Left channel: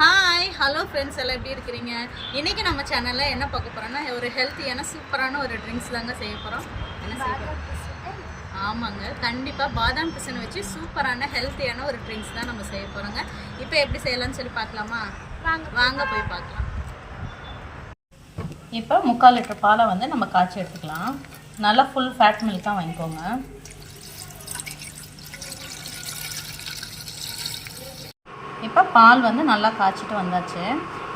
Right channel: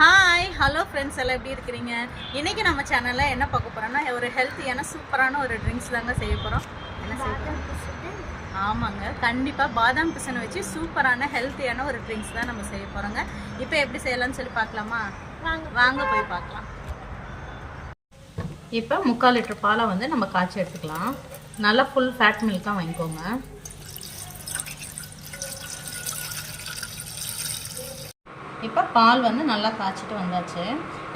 Hi hello friends எல்லாம் எப்படி இருக்கிறீங்க? இன்றைக்கி நம்ம சேனலில் என்ன பார்க்க போகிறோன்னா ஒரு ஹெல்த்தியான சூப்பரான ஒரு ட்ரிங்க்ஸ் தாங்க செய்ய போகிறோம். என்ன செய்ய போகிறோம்? ஆமாங்க, கண்டிப்பாக பாதாம் பிசனை வச்சு சூப்பரான ஹெல்த்தியான ஒரு ட்ரிங்க்ஸ் தான் நம்ம செய்ய போகிறோங்க. இப்போ எப்படி செய்யலாம்னு சொல்லி பார்க்கலாமா? வாங்க போய் பார்க்கலாம். இப்போ 3/4 லிட்டர் பாலை வந்து நம்ம காய்ச்சி எடுத்துக்கலாம். நல்லா ஃபுல் ஃபேட் மில்காக வாங்கிக்கோங்க. இப்போ பால் வந்து நல்லா காய்ச்சிட்டு வந்தாச்சு.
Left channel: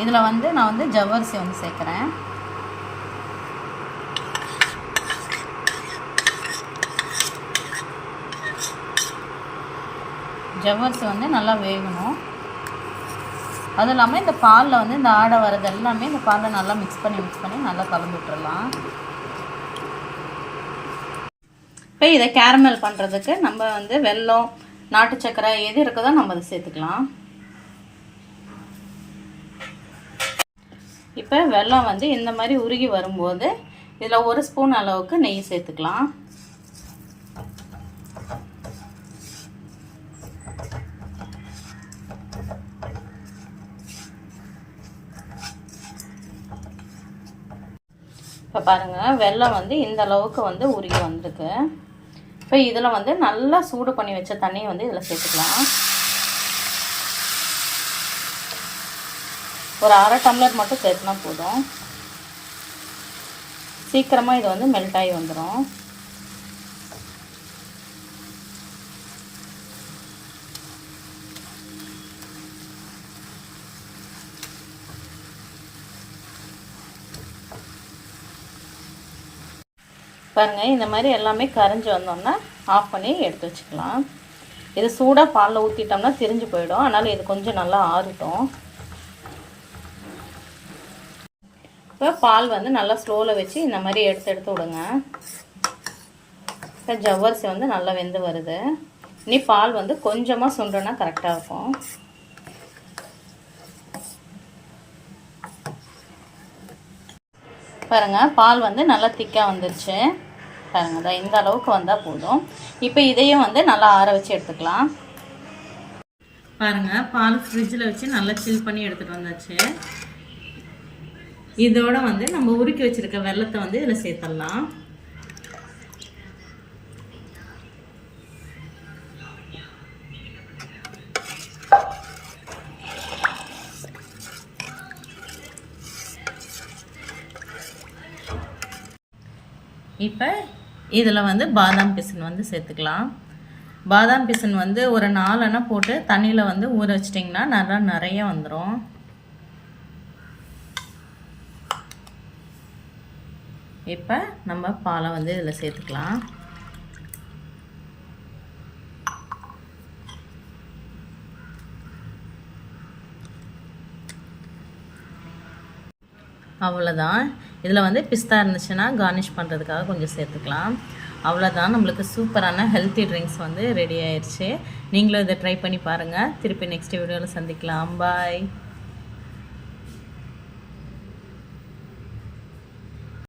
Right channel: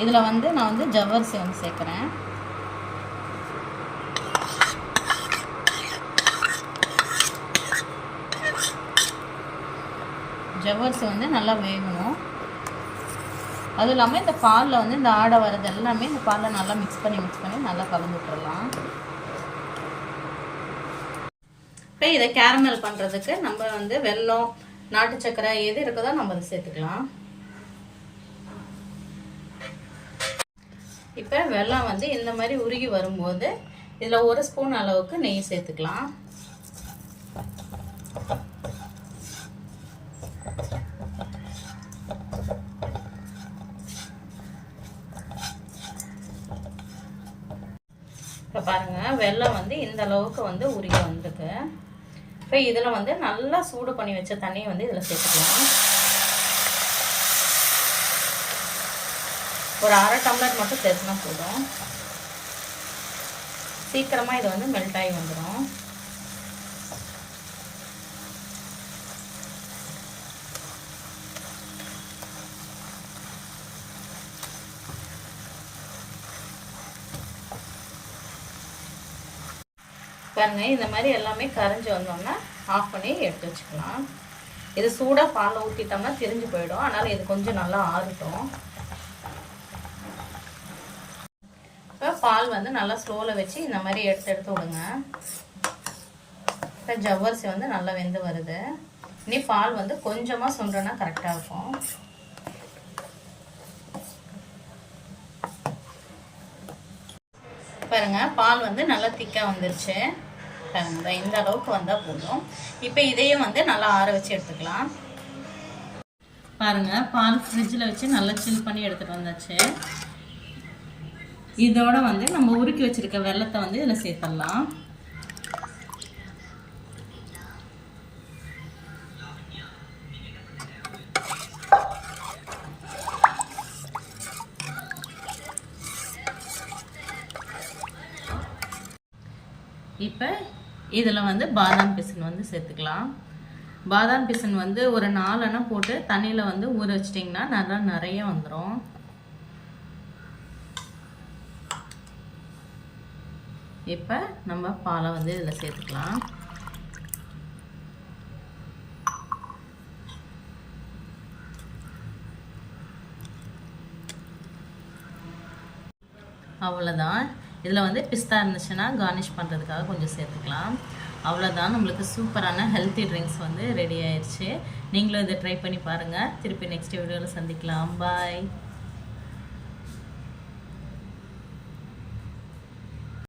இதில் வந்து நான் வந்து ஜவ்வரிசி வந்து சேர்க்குறேன். ஜவ்வரிசி வந்து நல்லா வேகணும். அதுவும் இல்லாமல் இந்த பாலில் வந்து இந்த ஆடை வர்றது எல்லாமே இந்த பாலில் நல்லா மிக்ஸ் பண்ணி நல்லா கலந்து விட்டுடலாம். இப்போ இதை கேரமல் பண்ணுறதுக்கு நம்ம வந்து வெல்லம், நாட்டு சக்கரை எது இருக்குதோ நம்ம அதை சேர்த்துக்கலாம். இப்போ வெல்லம் வந்து இந்த மாதிரி உருகி வரும்போது இதில் 1 ஸ்பூன் அளவுக்கு நெய் சேர்த்துக்கலாம். இப்போ பாருங்கள், வெல்லம் வந்து இந்த அளவுக்கு வந்து உருகி வந்திருக்கு. இப்போ இதில் வந்து நல்லா சூடு பண்ணி வச்ச தண்ணியை வந்து இதில் சேர்த்துக்கலாம். ஒரு 1/2 டம்ளர் மட்டும் சேர்த்துனா போதும். சீக்கிரமாக இது வந்து மெல்ட் ஆகி வந்துடும். பாருங்கள், இந்த மாதிரி எல்லாமே கரைஞ்சி வந்தோம்னா ஆஃப் பண்ணி எடுத்து வச்சுக்கலாம். இது சூடாக பாலில் ஊற்றிட்டோம்னா திரிஞ்சு போயிடும். அதனால் இது கொஞ்சம் நல்லா ஆறட்டும். இப்போ பால் வந்து நல்லா ஸ்லோவில் வச்சு இந்த மாதிரி எடுத்து விடுங்க. இப்போ ஜவ்வரிசி வந்து நல்லா வெந்து வருது. இனி பால் வந்து கொஞ்சமாக சுண்டுனா கரெக்டாக இருக்கும். பாருங்கள், பால் வந்து நல்லா திக்காக வந்துருச்சு. பாருங்கள், தான் இந்த அளவுக்கு வந்தால் போதும். இப்போ இதையும் வந்து நல்லா ஆற வச்சு எடுத்துக்கலாம். பாருங்கள், பால் ஃப்ரிட்ஜில் வச்சு நல்லா சில் பண்ணி எடுத்துகிட்டு வந்தாச்சு. இதோட வந்து நம்ம உருக்கி வச்சிருக்க வெல்லத்தை வந்து இதில் சேர்த்துடலாம். இப்போ இதில் வந்து பாதாம் பிசின் வந்து சேர்த்துக்கலாம். பாதாம் பிசின் வந்து ஒரு 4 அணை போட்டு தண்ணியில் வந்து ஊற வச்சிட்டிங்கன்னா நல்லா நிறைய வந்துடும். இப்போ நம்ம பாலை வந்து இதில் சேர்த்துக்கலாம். அவ்வளோதான். இதில் வந்து பிஸ்தா இருந்துச்சுன்னா கார்னிஷ் பண்ணுறதுக்காக கொஞ்சம் சேர்த்துக்கலாம். அவ்வளோதான், நம்மளுக்கு சூப்பரான ஹெல்த்தி ட்ரிங்க்ஸ் வந்து ரெடி ஆயிடுச்சு. நீங்களும் இதை ட்ரை பண்ணி பாருங்கள். திருப்பி நெக்ஸ்ட் வீடியோவில் சந்திக்கலாம். பாய்.